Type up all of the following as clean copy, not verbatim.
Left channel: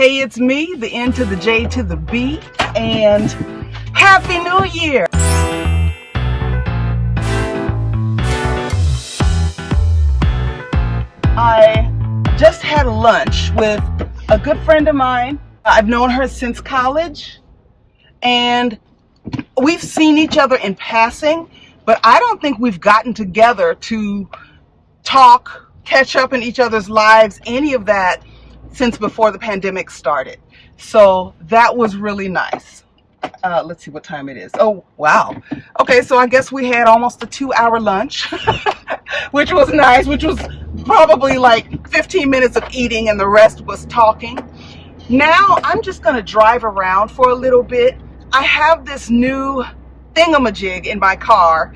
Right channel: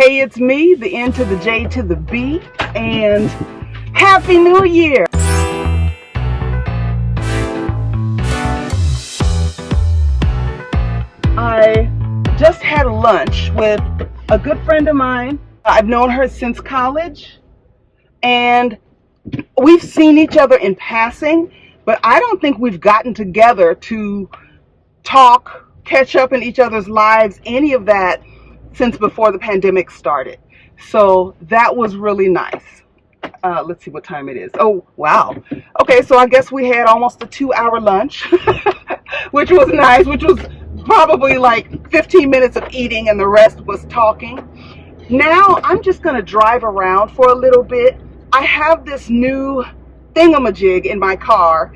Hey, it's me, the N to the J to the B, and Happy New Year! I just had lunch with a good friend of mine. I've known her since college, and we've seen each other in passing, but I don't think we've gotten together to talk, catch up in each other's lives, any of that, since before the pandemic started. So that was really nice. Let's see what time it is. Oh, wow. Okay, so I guess we had almost a 2-hour lunch, which was nice, which was probably like 15 minutes of eating and the rest was talking. Now I'm just gonna drive around for a little bit. I have this new thingamajig in my car.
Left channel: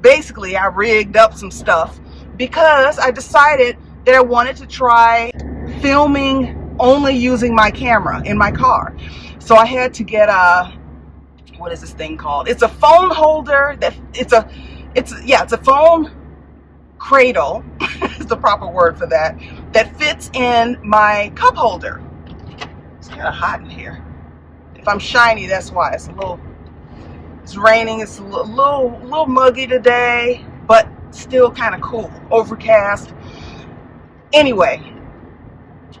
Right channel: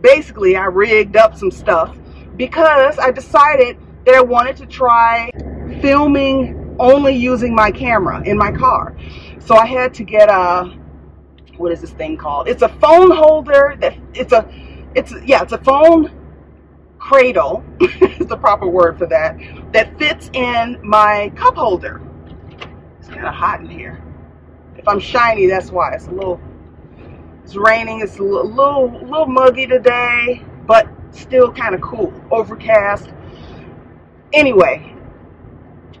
Basically, I rigged up some stuff because I decided that I wanted to try filming only using my camera in my car. So I had to get a, what is this thing called? It's a phone holder that it's a phone cradle is the proper word for that fits in my cup holder. It's kind of hot in here. If I'm shiny, that's why. It's raining, it's a little muggy today, but still kind of cool, overcast. Anyway,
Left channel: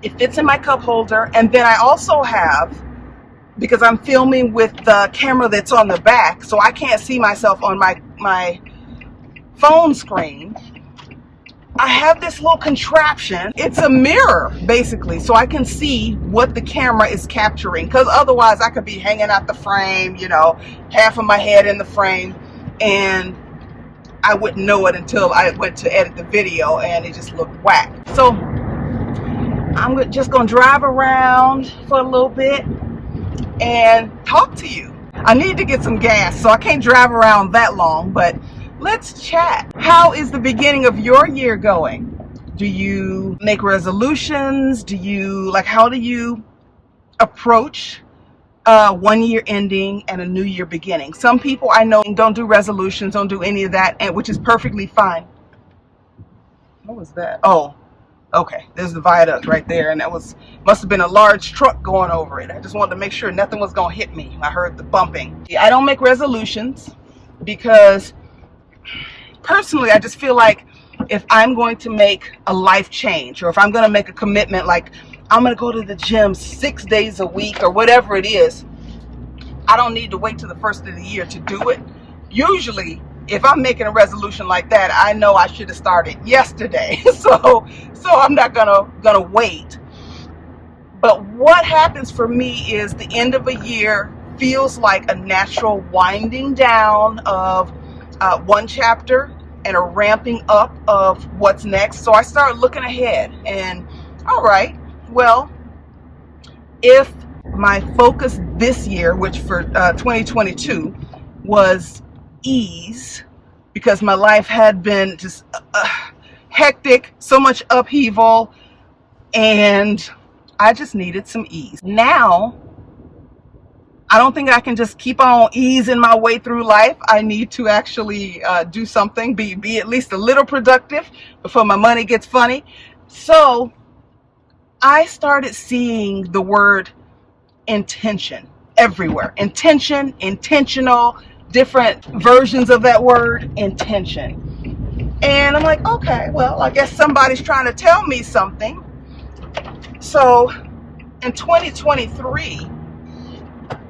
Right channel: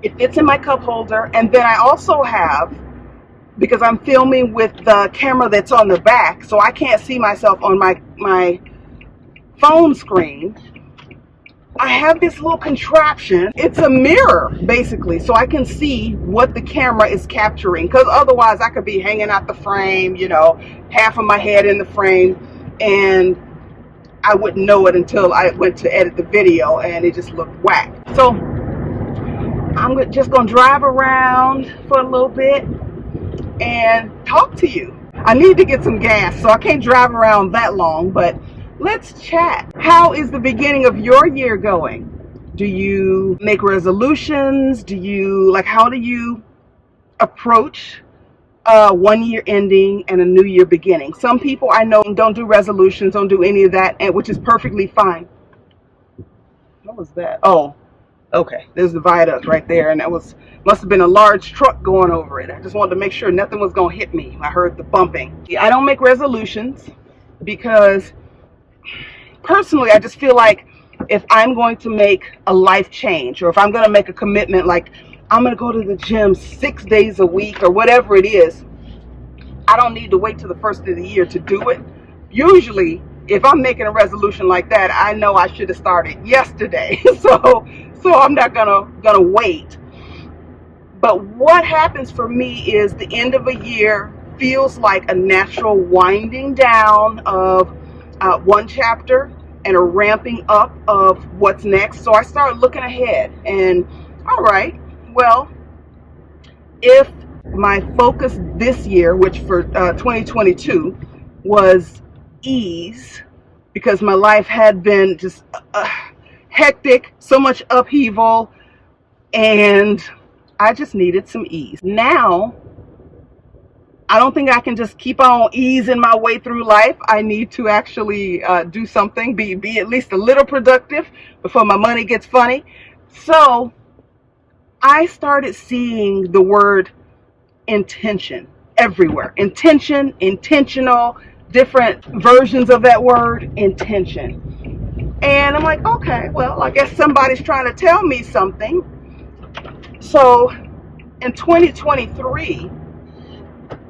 it fits in my cup holder, and then I also have, because I'm filming with the camera that's on the back, so I can't see myself on my phone screen, I have this little contraption. It's a mirror, basically, so I can see what the camera is capturing, because otherwise I could be hanging out the frame, you know, half of my head in the frame, and I wouldn't know it until I went to edit the video, and it just looked whack. So I'm just gonna drive around for a little bit and talk to you. I need to get some gas, so I can't drive around that long, but let's chat. How is the beginning of your year going? Do you make resolutions? How do you approach 1 year ending and a new year beginning? Some people I know don't do resolutions, don't do any of that, and which is perfectly fine. What was that? Oh, okay, there's the viaduct right there, and that must have been a large truck going over it. I just wanted to make sure nothing was gonna hit me. I heard the bumping. I don't make resolutions because personally I just feel like if I'm going to make a life change, or if I'm gonna make a commitment, like I'm gonna go to the gym 6 days a week or whatever it is, I don't need to wait till the first of the year to do it. Usually if I'm making a resolution like that, I know I should have started yesterday. so I'm not gonna wait. But what happens for me is the end of a year feels like a natural winding down of one chapter and a ramping up of what's next. So I start looking ahead and, all right, well, if my focus this year, which for 2022 was ease, because my life had been just hectic, so much upheaval, and I just needed some ease. Now, I don't think I can just keep on easing my way through life. I need to actually do something, be at least a little productive before my money gets funny. So I started seeing the word intention everywhere. Intention, intentional, different versions of that word, intention. And I'm like, okay, well, I guess somebody's trying to tell me something. So in 2023,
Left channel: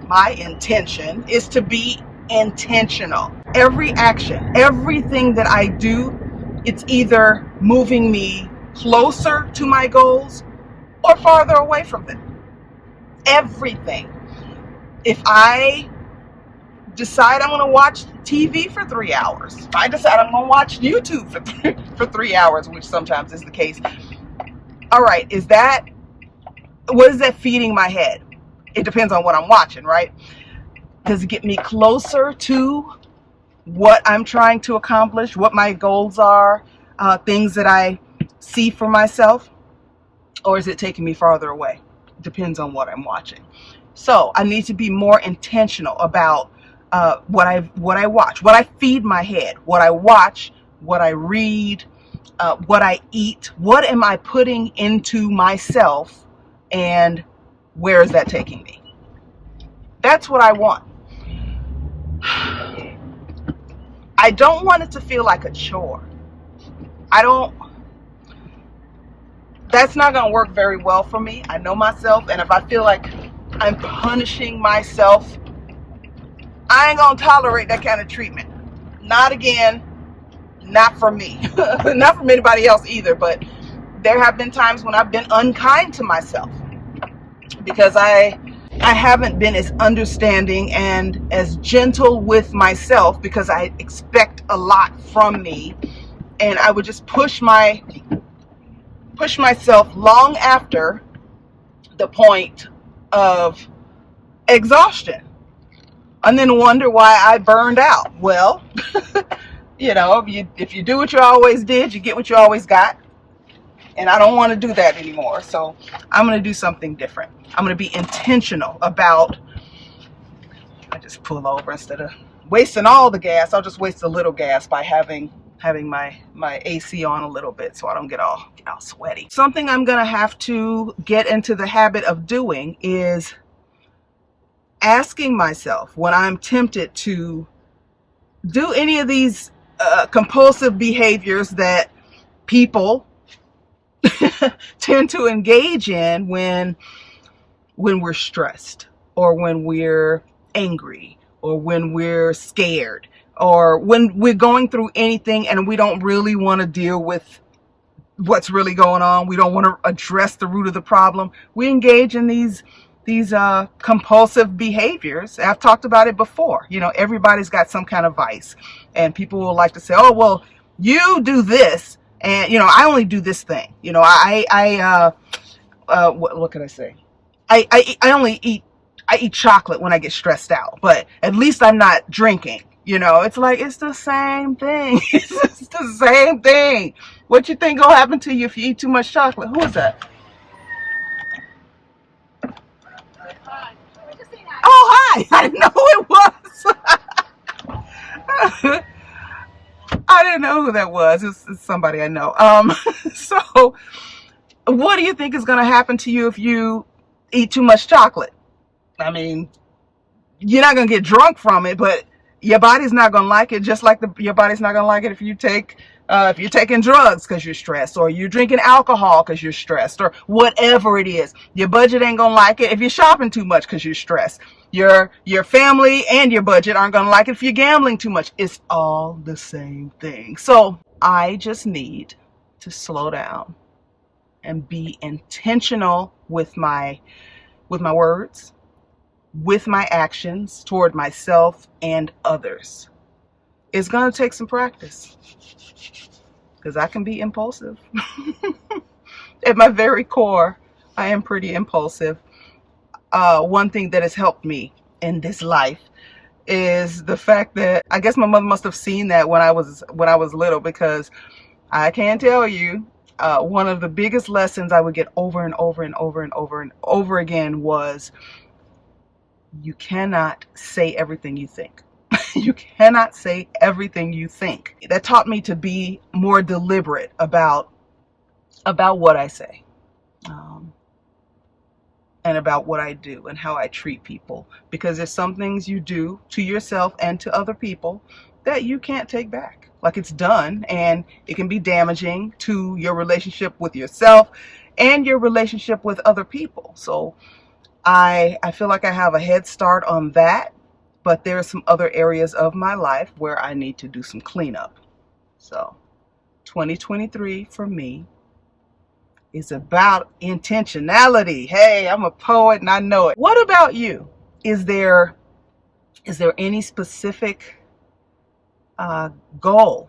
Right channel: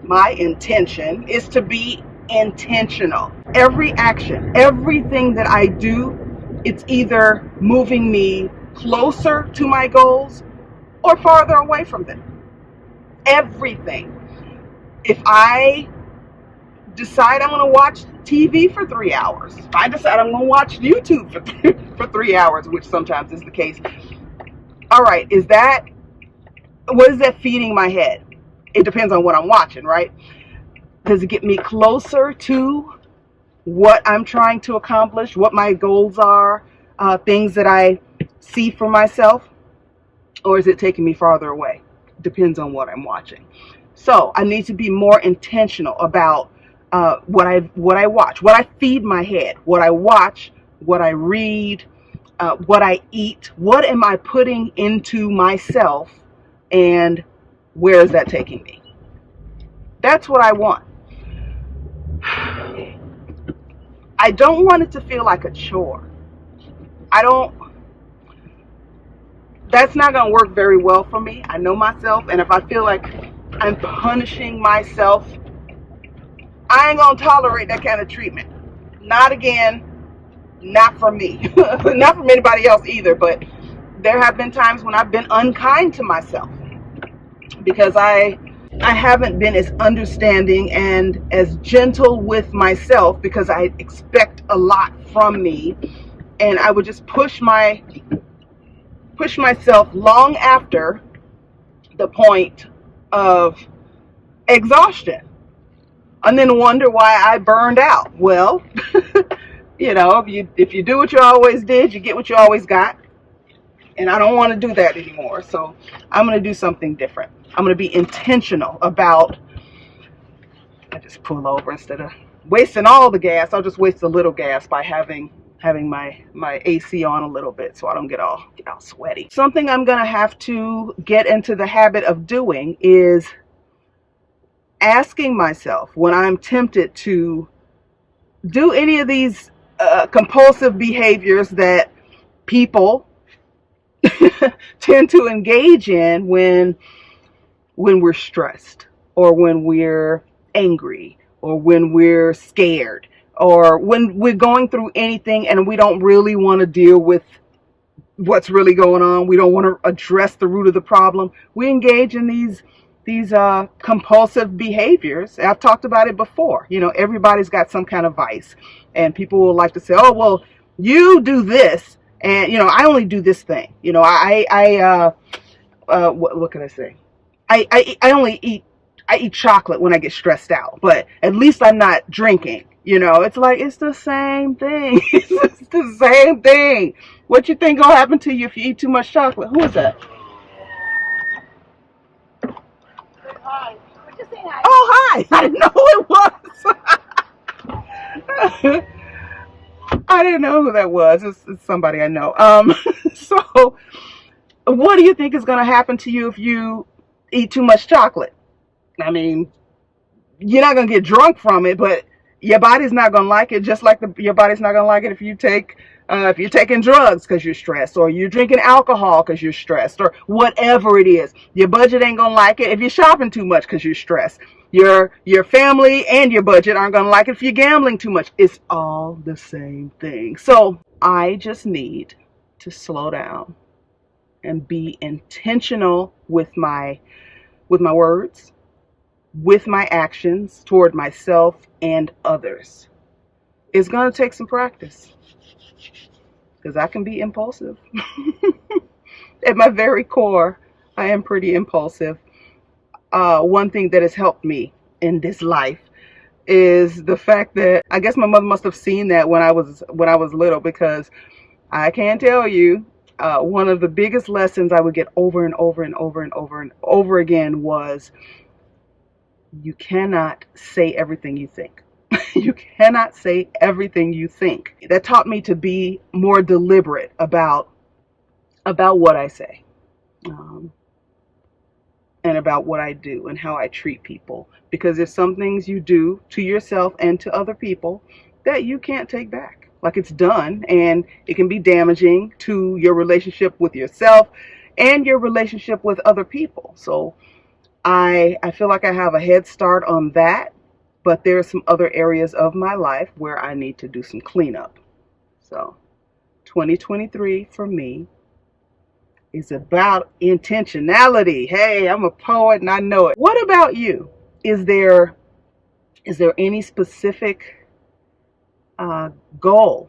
my intention is to be intentional. Every action, everything that I do, it's either moving me closer to my goals or farther away from them. Everything. If I decide I'm going to watch TV for 3 hours, if I decide I'm going to watch YouTube for 3 hours, which sometimes is the case, all right, what is that feeding my head? It depends on what I'm watching, right? Does it get me closer to what I'm trying to accomplish, what my goals are, things that I see for myself, or is it taking me farther away? Depends on what I'm watching. So I need to be more intentional about what I watch, what I feed my head, what I watch, what I read, what I eat. What am I putting into myself and where is that taking me? That's what I want. I don't want it to feel like a chore. That's not going to work very well for me. I know myself, and if I feel like I'm punishing myself, I ain't going to tolerate that kind of treatment. Not again, not for me, not from anybody else either, but there have been times when I've been unkind to myself because I haven't been as understanding and as gentle with myself because I expect a lot from me, and I would just push myself long after the point of exhaustion, and then wonder why I burned out. Well, you know, if you do what you always did, you get what you always got. And I don't want to do that anymore. So I'm going to do something different. I'm going to be intentional about, I just pull over instead of wasting all the gas. I'll just waste a little gas by having my AC on a little bit so I don't get all sweaty. Something I'm going to have to get into the habit of doing is asking myself when I'm tempted to do any of these compulsive behaviors that people tend to engage in when we're stressed, or when we're angry, or when we're scared, or when we're going through anything and we don't really want to deal with what's really going on. We don't want to address the root of the problem. We engage in these compulsive behaviors. I've talked about it before. You know, everybody's got some kind of vice, and people will like to say, oh, well, you do this, and, you know, I only do this thing. You know, what can I say? I only eat chocolate when I get stressed out, but at least I'm not drinking. You know, it's like, it's the same thing. It's the same thing. What you think gonna happen to you if you eat too much chocolate? Who is that? Hi. Just saying hi. Oh, hi. I didn't know who it was. I didn't know who that was. It's somebody I know. So what do you think is going to happen to you if you eat too much chocolate? I mean, you're not going to get drunk from it, but your body's not going to like it, just like your body's not going to like it if you're taking drugs because you're stressed, or you're drinking alcohol because you're stressed, or whatever it is. Your budget ain't going to like it if you're shopping too much because you're stressed. Your family and your budget aren't going to like it if you're gambling too much. It's all the same thing. So I just need to slow down and be intentional with my words, with my actions toward myself and others. It's going to take some practice, because I can be impulsive. At my very core, I am pretty impulsive. One thing that has helped me in this life is the fact that I guess my mother must have seen that when I was little, because I can tell you, one of the biggest lessons I would get over and over and over and over and over again was, you cannot say everything you think. You cannot say everything you think. That taught me to be more deliberate about what I say, and about what I do and how I treat people. Because there's some things you do to yourself and to other people that you can't take back. Like, it's done, and it can be damaging to your relationship with yourself and your relationship with other people. So I feel like I have a head start on that, but there are some other areas of my life where I need to do some cleanup. So 2023 for me is about intentionality. Hey, I'm a poet and I know it. What about you? Is there any specific goal,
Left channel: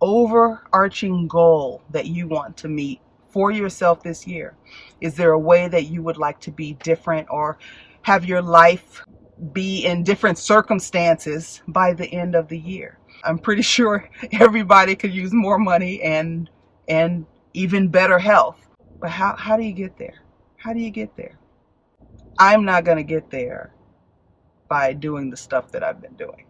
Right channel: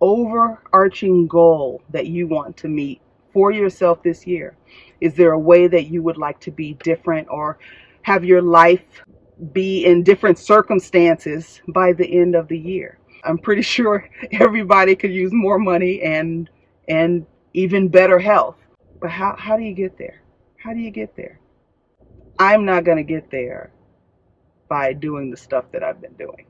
overarching goal that you want to meet for yourself this year? Is there a way that you would like to be different, or have your life be in different circumstances by the end of the year? I'm pretty sure everybody could use more money and even better health. But how do you get there? How do you get there? I'm not going to get there by doing the stuff that I've been doing.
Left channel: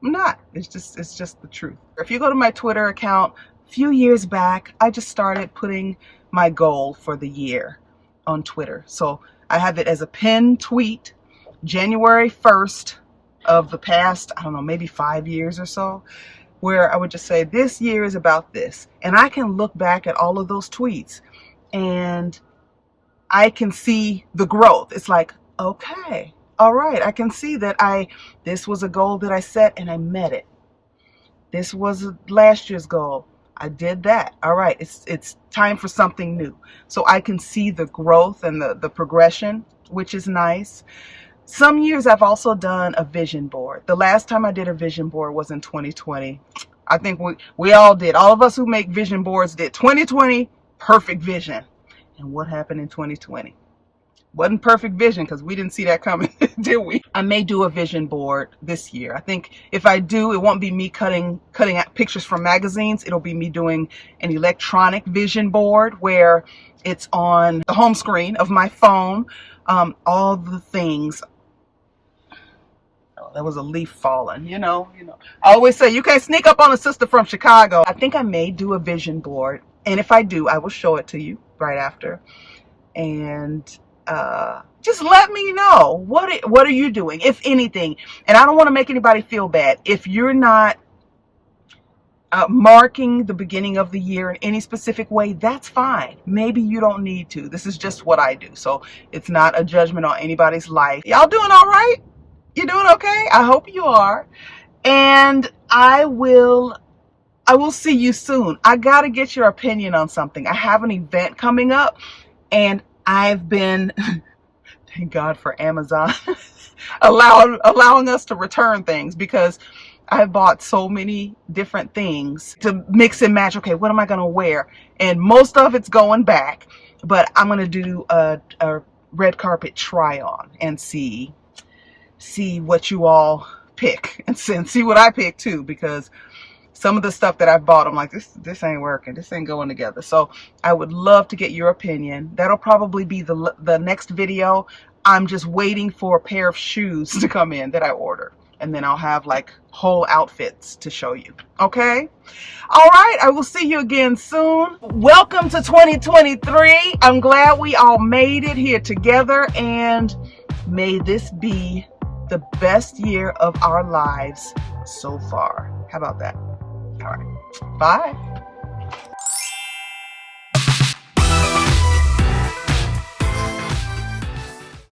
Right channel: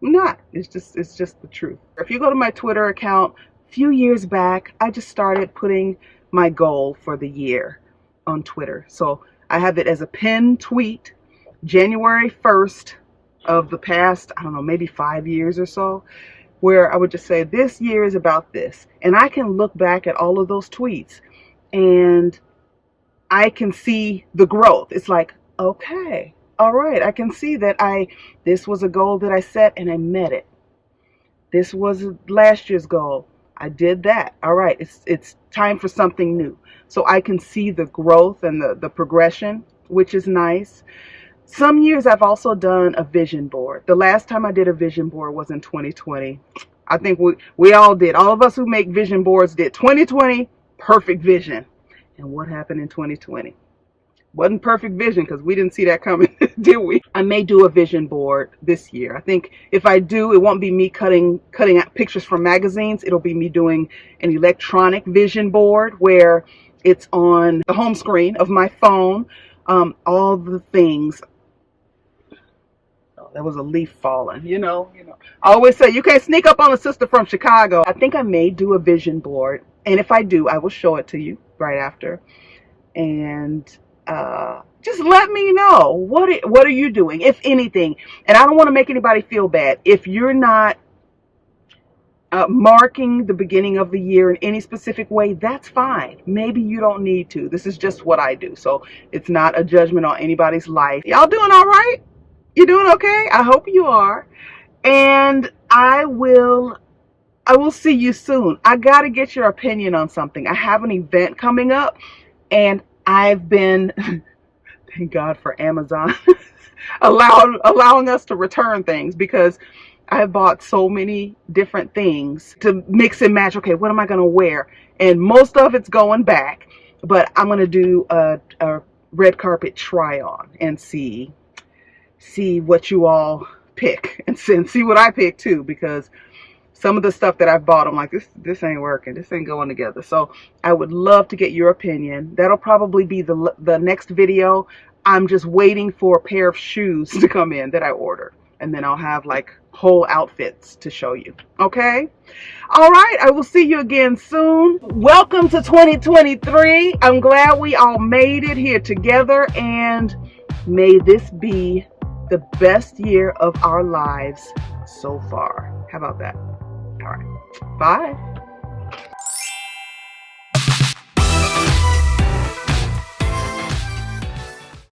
I'm not. It's just the truth. If you go to my Twitter account, a few years back, I just started putting my goal for the year on Twitter. So I have it as a pinned tweet, January 1st of the past, I don't know, maybe 5 years or so, where I would just say, this year is about this. And I can look back at all of those tweets and I can see the growth. It's like, okay, all right, I can see that this was a goal that I set and I met it. This was last year's goal. I did that. All right, it's time for something new. So I can see the growth and the progression, which is nice. Some years I've also done a vision board. The last time I did a vision board was in 2020. I think we all did. All of us who make vision boards did. 2020, perfect vision. And what happened in 2020? Wasn't perfect vision because we didn't see that coming, did we? I may do a vision board this year. I think if I do, it won't be me cutting out pictures from magazines. It'll be me doing an electronic vision board where it's on the home screen of my phone. All the things. Oh, there was a leaf falling, you know. I always say you can't sneak up on a sister from Chicago. I think I may do a vision board, and if I do, I will show it to you right after. And just let me know what are you doing, if anything. And I don't want to make anybody feel bad if you're not marking the beginning of the year in any specific way. That's fine. Maybe you don't need to. This is just what I do, so it's not a judgment on anybody's life. Y'all doing all right? You doing okay? I hope you are. And I will see you soon. I gotta get your opinion on something. I have an event coming up, and I've been thank God for Amazon allowing us to return things, because I bought so many different things to mix and match. Okay, what am I going to wear? And most of it's going back, but I'm going to do a red carpet try on and see what you all pick, and see what I pick too, because some of the stuff that I've bought, I'm like, this ain't working. This ain't going together. So I would love to get your opinion. That'll probably be the next video. I'm just waiting for a pair of shoes to come in that I ordered. And then I'll have like whole outfits to show you. Okay? All right. I will see you again soon. Welcome to 2023. I'm glad we all made it here together. And may this be the best year of our lives so far. How about that? All right. Bye.